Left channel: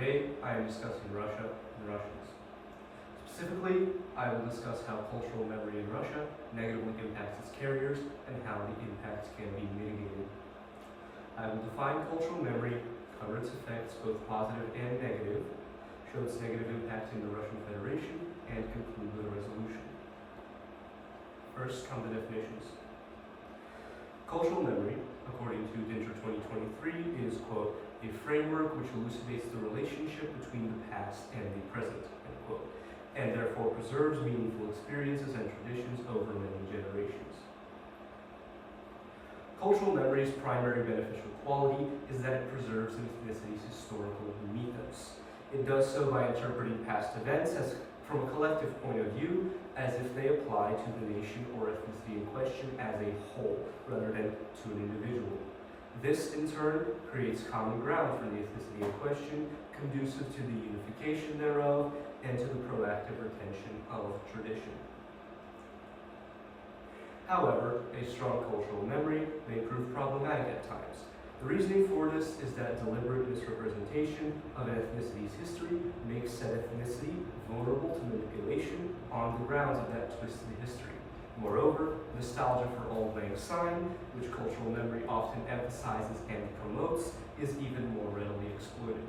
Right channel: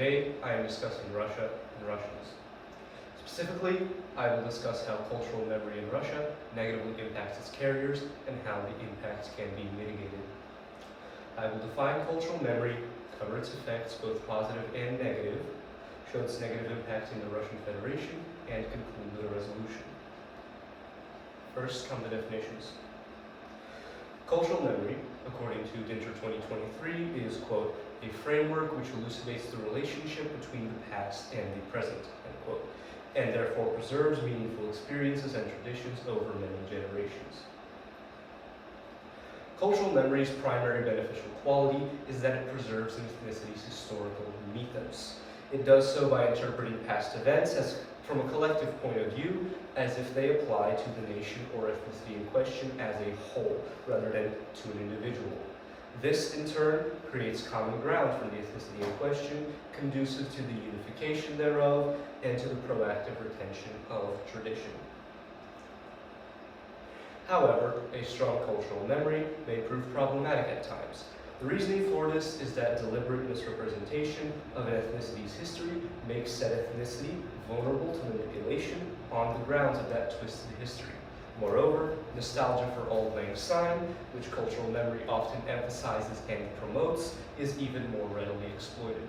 today I am discussing Russia and Russians. Specifically, I will discuss how cultural memory in Russia negatively impacts its carriers and how the impacts can be mitigated. I will define cultural memory, cover its effects, both positive and negative, show its negative impact in the Russian Federation, and conclude with a resolution. First come the definitions. Cultural memory, according to Dinter 2023, is, quote, a framework which elucidates the relationship between the past and the present, end quote, and therefore preserves meaningful experiences and traditions over many generations. Cultural memory's primary beneficial quality is that it preserves an ethnicity's historical mythos. It does so by interpreting past events as from a collective point of view, as if they apply to the nation or ethnicity in question as a whole, rather than to an individual. This, in turn, creates common ground for the ethnicity in question, conducive to the unification thereof, and to the proactive retention of tradition. However, a strong cultural memory may prove problematic at times. The reasoning for this is that deliberate misrepresentation of an ethnicity's history makes said ethnicity vulnerable to manipulation on the grounds of that twisted history. Moreover, nostalgia for Auld Lang Syne, which cultural memory often emphasizes and promotes, is even more readily exploited.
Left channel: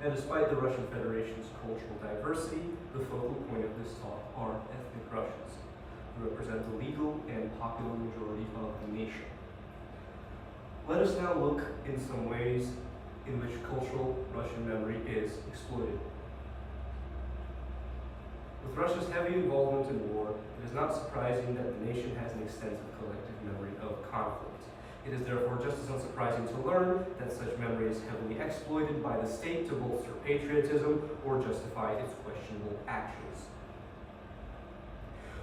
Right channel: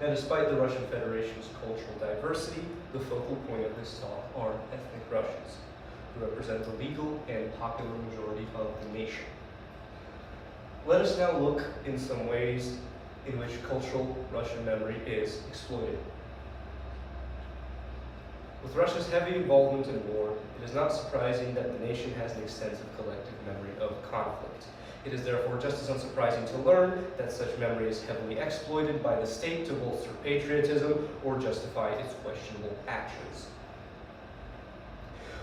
Now, despite the Russian Federation's cultural diversity, the focal point of this talk are ethnic Russians, who represent the legal and popular majority of the nation. Let us now look in some ways in which cultural Russian memory is exploited. With Russia's heavy involvement in war, it is not surprising that the nation has an extensive collective memory of conflict. It is therefore just as unsurprising to learn that such memory is heavily exploited by the state to bolster patriotism or justify its questionable actions.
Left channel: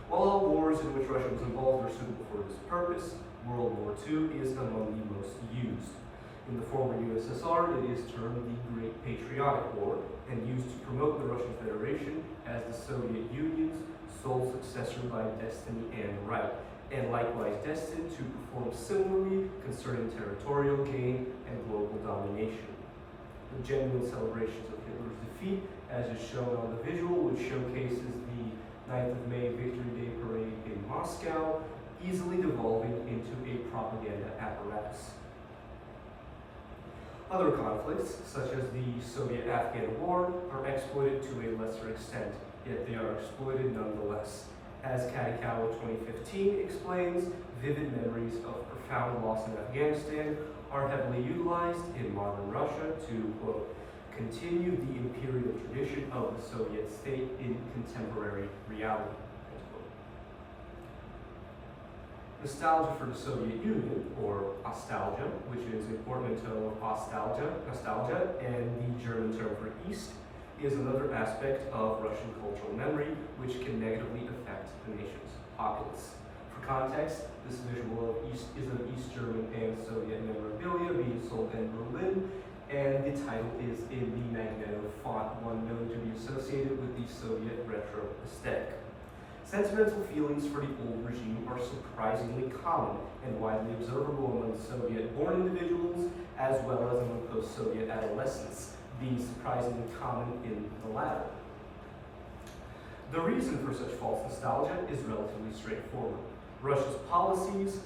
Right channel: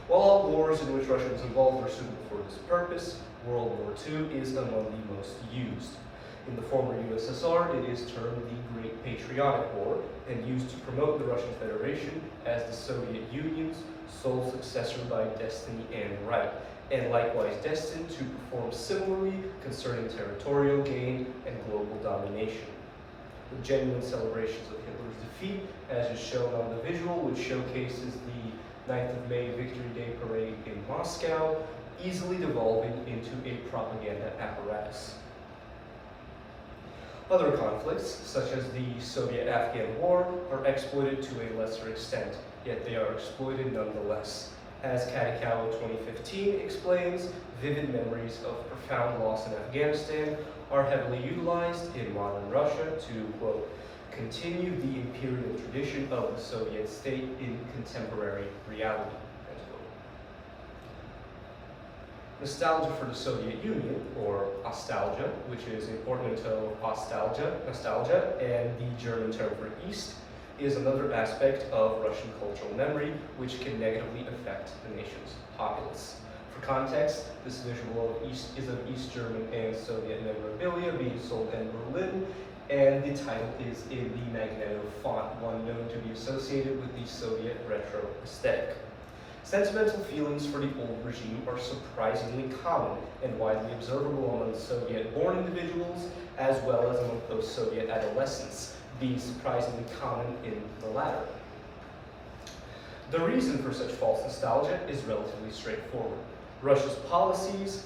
While all wars in which Russia was involved are suitable for this purpose, World War II is among the most used. In the former USSR, it is termed the Great Patriotic War and used to promote the Russian Federation as the Soviet Union's sole successor by destiny and right, and likewise destined to perform similarly concerning territorial gain and global domination. The genuine celebrations of Hitler's defeat, as is shown on the visual, which showcases the 9th of May Victory Day parade in Moscow, easily devolving into a propaganda apparatus. Other conflicts, such as the Soviet-Afghan War, are exploited to a lesser extent, yet they are exploited nonetheless. As Katikawa 2015 explains, vivid memories of profound loss in Afghanistan are heavily utilized in modern Russia to, quote, continue the imperial tradition of the Soviet state in contemporary reality. Nostalgia for the Soviet Union, or nostalgia, which is a portmanteau of nostalgia, and the German term for East, is another aspect of Russian cultural memory which can negatively affect the nation's populace. For context, this visual is of East German and Soviet memorabilia being sold in Berlin, and the title is in the Magneto font, one known to be associated with the Soviet retro aesthetic. Sentimental feelings for the old regime are surprisingly common and widely observable among Soviet-born individuals, as well as among post-Soviet adolescents, being surprisingly common in the latter. The reason for such false nostalgia is relatively straightforward. Russia's policies,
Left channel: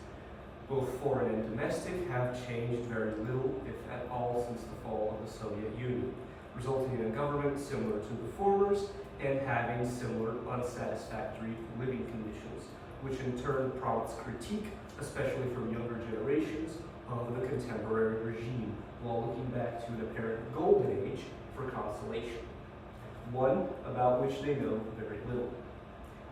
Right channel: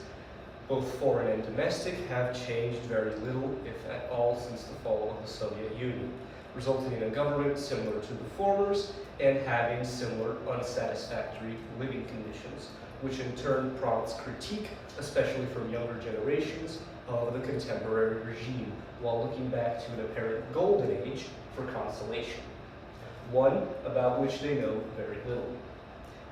both foreign and domestic, have changed very little, if at all, since the fall of the Soviet Union, resulting in a government similar to the former's and having similar unsatisfactory living conditions, which in turn prompts critique, especially from younger generations, of the contemporary regime, while looking back to an apparent golden age for consolation, one about which they know very little.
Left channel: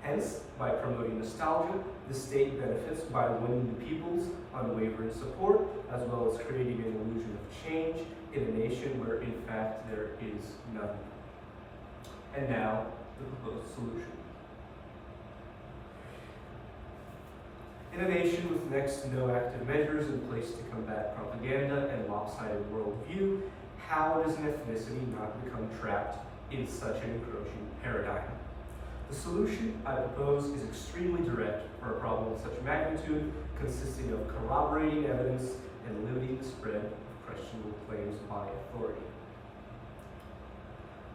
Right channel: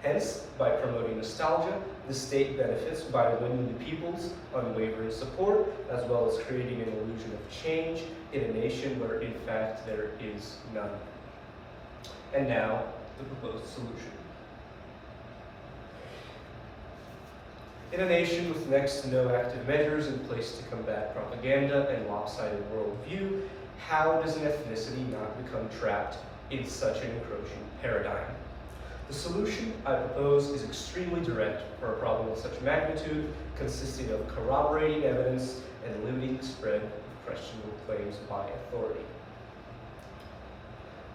Hence, by promoting nostalgia, the state benefits by winning the people's unwavering support, as well as creating an illusion of change in a nation where, in fact, there is none. And now, the proposed solution. In a nation with next to no active measures in place to combat propaganda and lopsided worldview, how does an ethnicity not become trapped in such an encroaching paradigm? The solution I propose is extremely direct for a problem of such magnitude, consisting of corroborating evidence and limiting the spread of questionable claims by authority.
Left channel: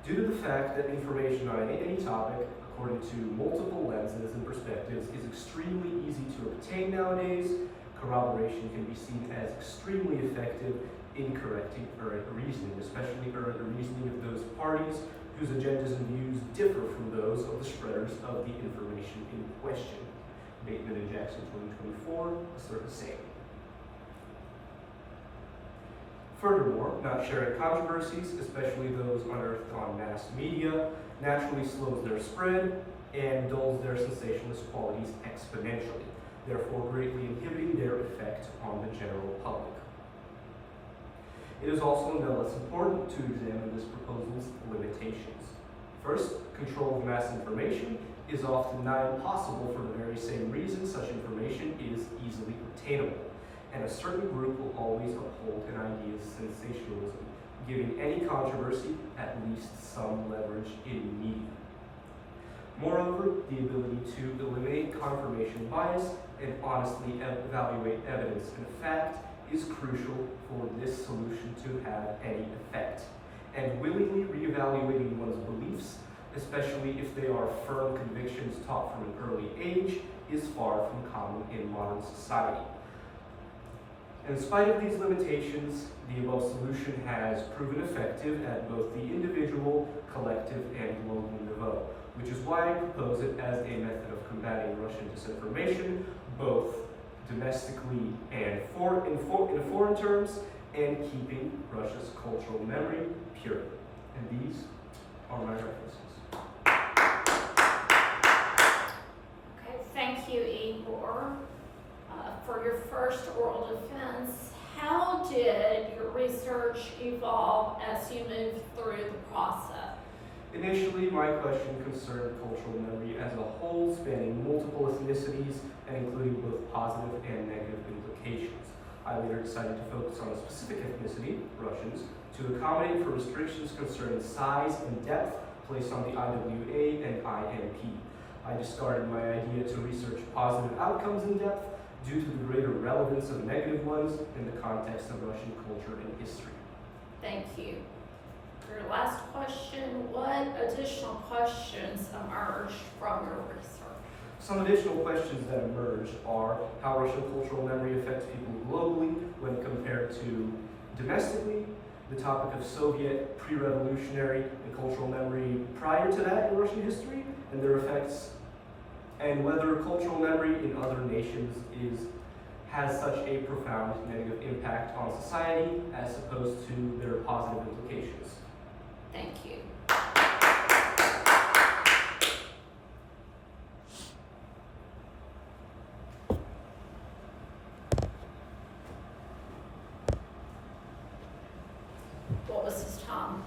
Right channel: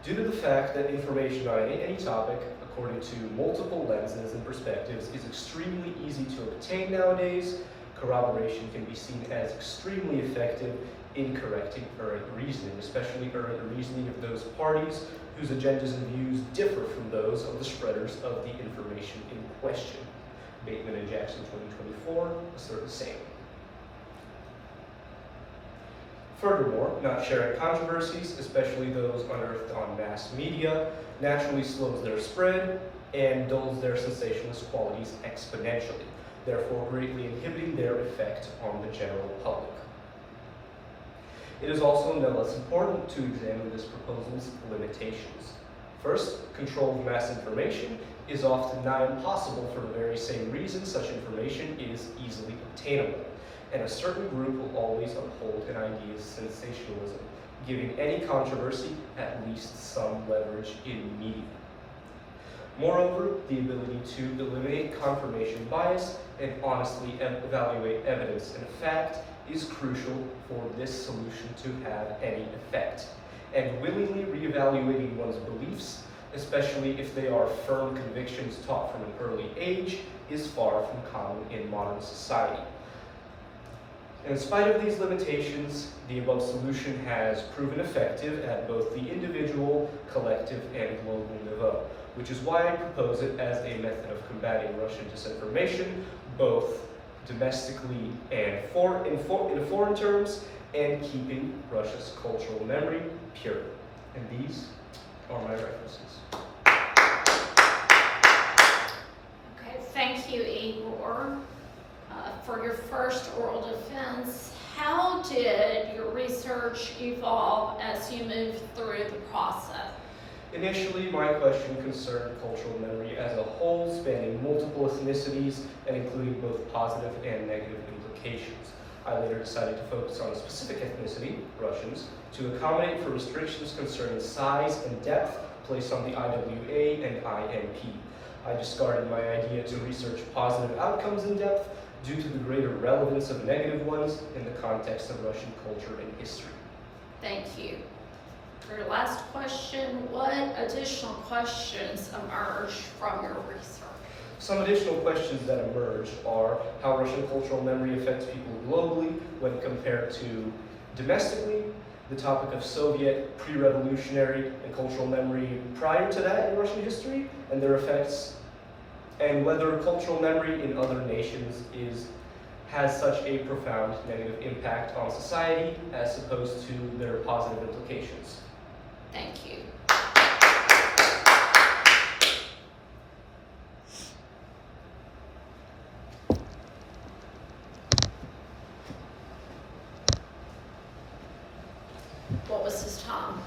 Due to the fact that information on any topic, according to multiple lenses and perspectives, is extremely easy to obtain nowadays, corroboration can be seen as extremely effective in correcting errant reasoning, especially errant reasoning of those parties whose agendas and views differ from those of the spreaders of the information in question. Bateman and Jackson 2024 assert the same. Furthermore, not sharing controversies, especially those unearthed on mass media, naturally slows their spread and dulls their sensationalist qualities exponentially, therefore greatly inhibiting their effect on the general public. It is also no less important to examine this proposal's limitations. First, control of mass information is often nigh impossible for the very same reason such information is easily obtainable, and a certain group will always uphold an idea's sensationalism, giving any controversy at least some leverage in media. Moreover, the ability to eliminate confirmation bias and honestly evaluate evidence and fact is crucial for this solution to have any effect. And willingly reevaluating one's beliefs, especially if they are firm convictions taught from an early age, is far from common in modern society. In spite of these limitations, the above solution has proven effective at both the individual, collective, and global level, which is why I propose it as a method of combating Russian disinformation, both domestically and in foreign terms, and keeping Russia's cultural memory pure. And these are my references. Okay, thank you, Egor. For your first oral defense, how did your research evolve as you moved through the process? Initially, my question concerned cultural memory as a whole, spanning multiple ethnicities and including both positive and negative implications. I later decided to focus on a specific ethnicity, Russians, to accommodate for restrictions concerning size and depth placed on the IWA and IMP. I discarded my idea to research positive outcomes in depth due to the greater relevance of negative ones in the context of Russian culture and history. Thank you. For your last question, what additional questions emerged from your research? Some additional questions that emerge are how Russian cultural memory affects people globally when compared to domestically, the topic of Soviet pre-revolutionary and cultural memory prior to that in Russian history, and their effects, and whether cultural memory in other nations has such a profound negative impact on society as opposed to their positive implications. Thank you. What was his time?